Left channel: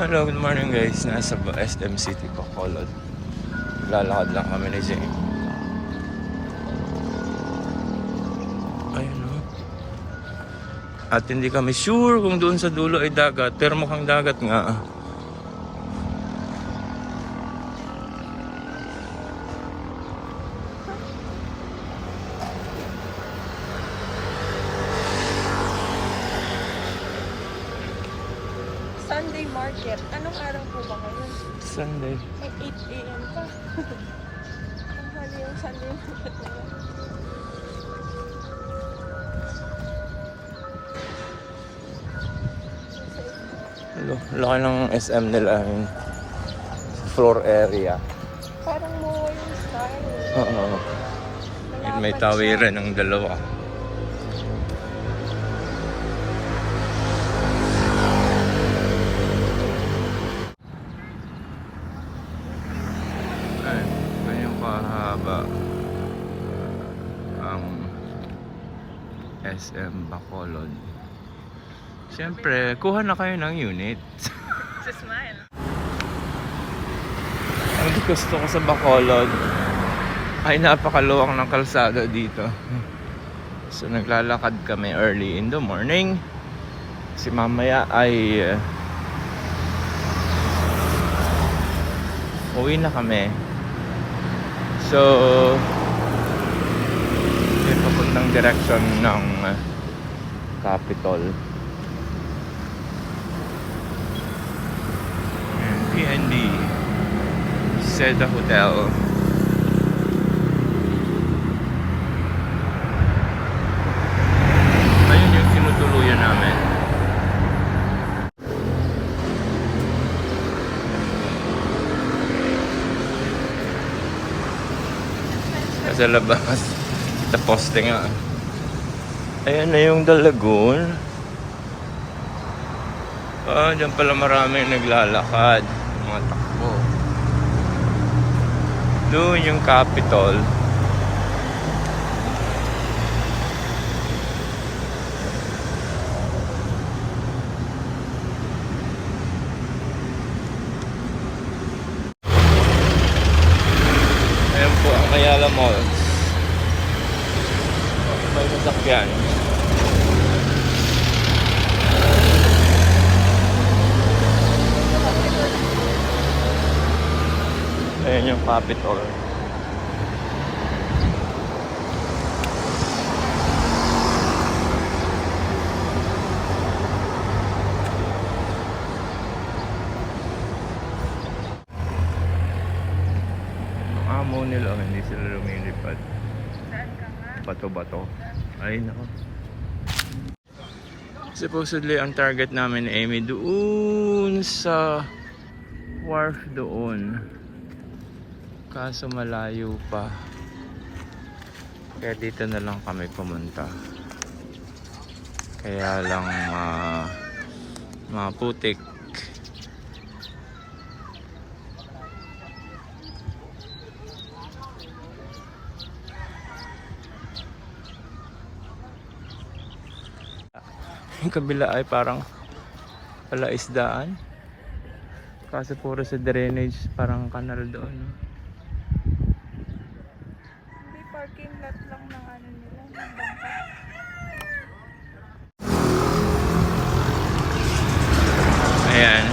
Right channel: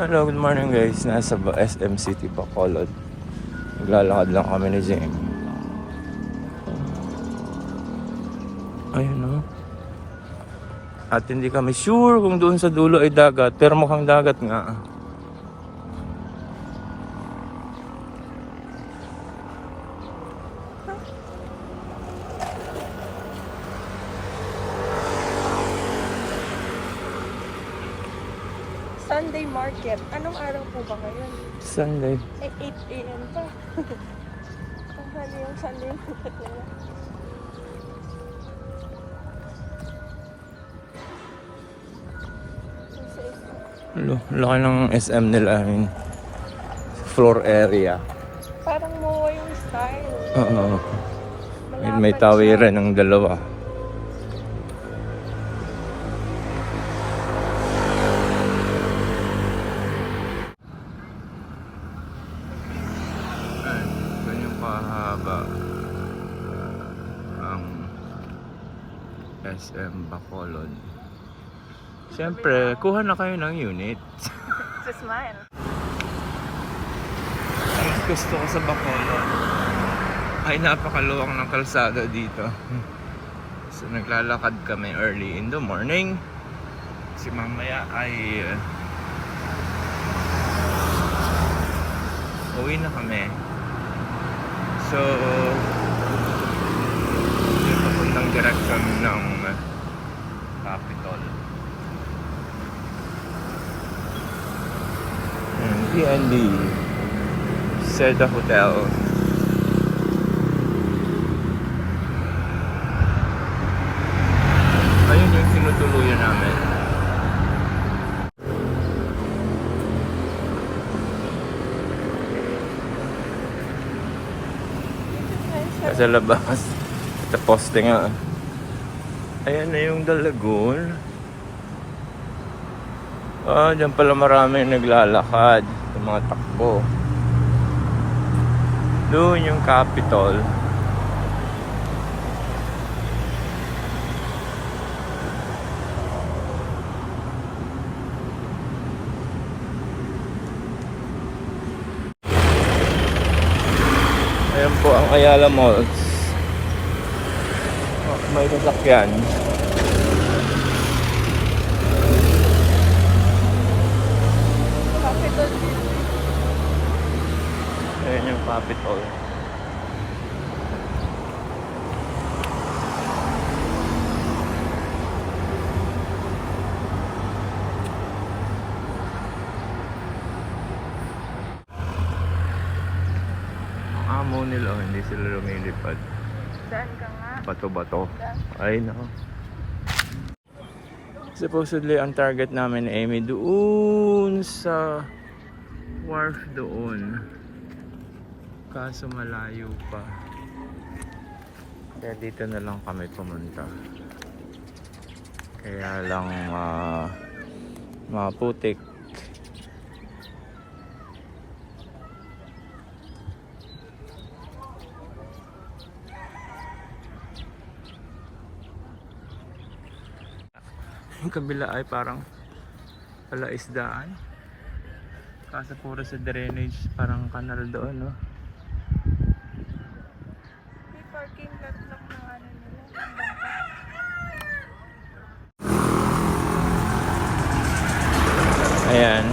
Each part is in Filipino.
Hello, good morning guys. Nasa SM City, Bacolod. Naglalakad lang kami ni Jane. Ay no. At hindi kami sure kung doon sa dulo ay dagat. Pero mukhang dagat nga. Sunday market. Anong araw po ba kayo? Sunday. May 8 a.m. pa. Ano yung Sunday market? Laki ng SM nila. Yung floor area. Parang MOA yung style. May tawiran ng dalawa. Ayan, ganyang kahaba ang SM Bacolod. Siyempre, kuha na kayo ng unit. Sa smile. Ang gusto ko sa Bacolod ay napakaluwang ng kalsada dito. So naglalakad kami early in the morning. Kasi mamaya ay uwi na kami. So yung papuntang direction ng Capitol. And PND Seda Hotel. Ayun yung tinutuluyan namin. Sa labas. Ito poste nga. Ayan na yung The Lagoon. Dyan pala maraming naglalakad. Yung mga takbo. Doon yung Capitol. Ayan po ang Ayala Malls. May sasakyan. Ayan yung Capitol. Amo nila, hindi sila lumilipad. Saan ka nga? Bato-bato. Ay nako. Supposedly ang target namin ay Amy doon sa wharf doon. Kaso malayo pa. Kaya dito na lang kami pumunta. Kaya lang maputik. Yung kabila ay parang palaisdaan. Kasi puro sa drainage, parang kanal doon, no? Hindi parking lot lang ng ano nila. Ng bangka. Ayan.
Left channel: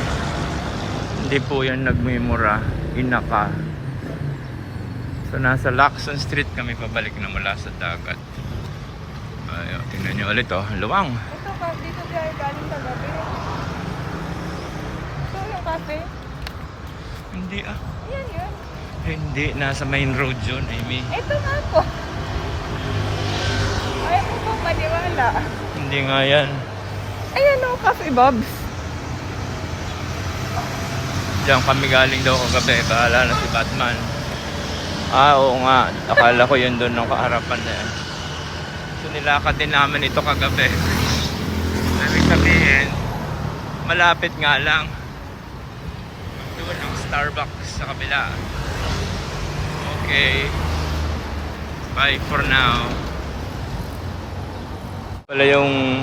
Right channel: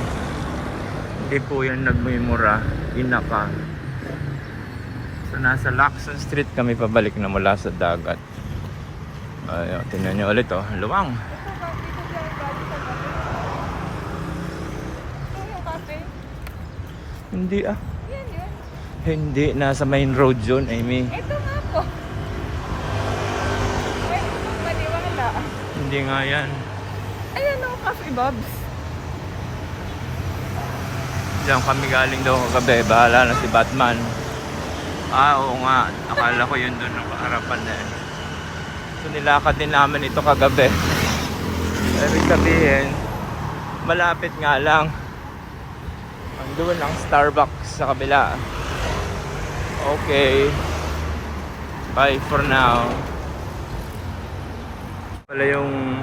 Hindi po yung nagmimura, inaka. So nasa Lacson Street kami pabalik na mula sa dagat. Ayun, tingnan nyo ulit, oh, luwang. Hindi ah. Yan yun. Hindi, nasa main road yun, Amy. Ito nga po. Ayaw ko pong maniwala. Hindi nga yan. Ayan o, Cafe Bobs. Diyan kami galing daw kagabi, bahala na si Batman. Oo nga, akala ko yun doon ng kaharapan na eh. So nilakad din namin ito kagabi. Ibig sabihin, malapit nga lang. Doon ang Starbucks sa kabila. Okay. Bye for now. Wala yung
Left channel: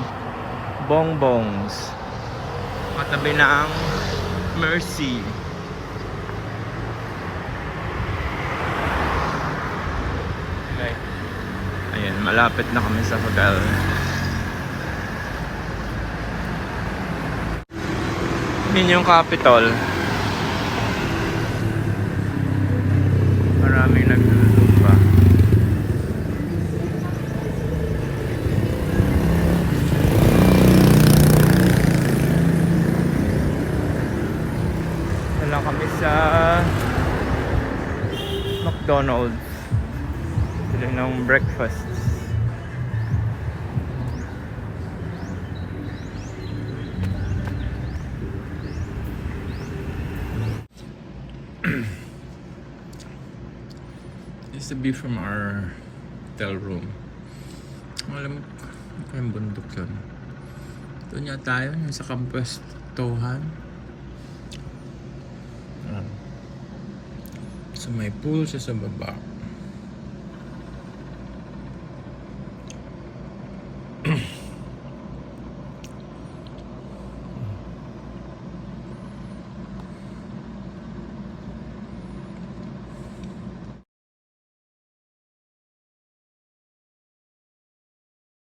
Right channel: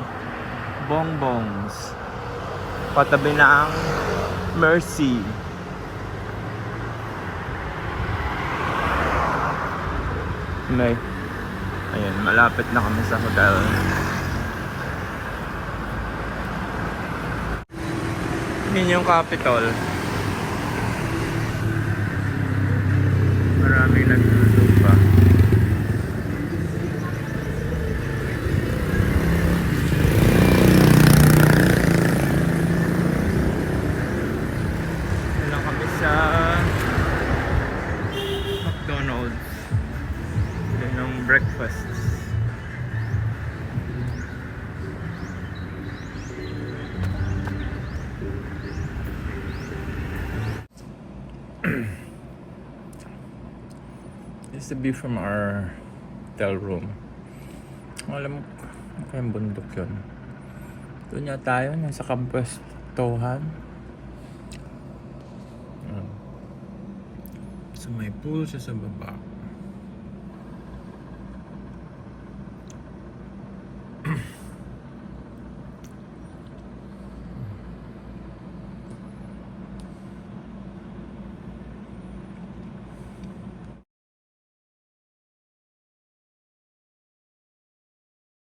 bongbongs. Patabi na ang Mercy. May, ayan, malapit na kami sa hotel. Yun yung Capitol. Maraming nagdulog pa. Wala kami sa McDonald's. Sila ng breakfast. This is the view from our hotel room. Alam mo, kayong bundok yun. Doon nga tayo, yung sa Campuestohan. So may pool siya sa baba.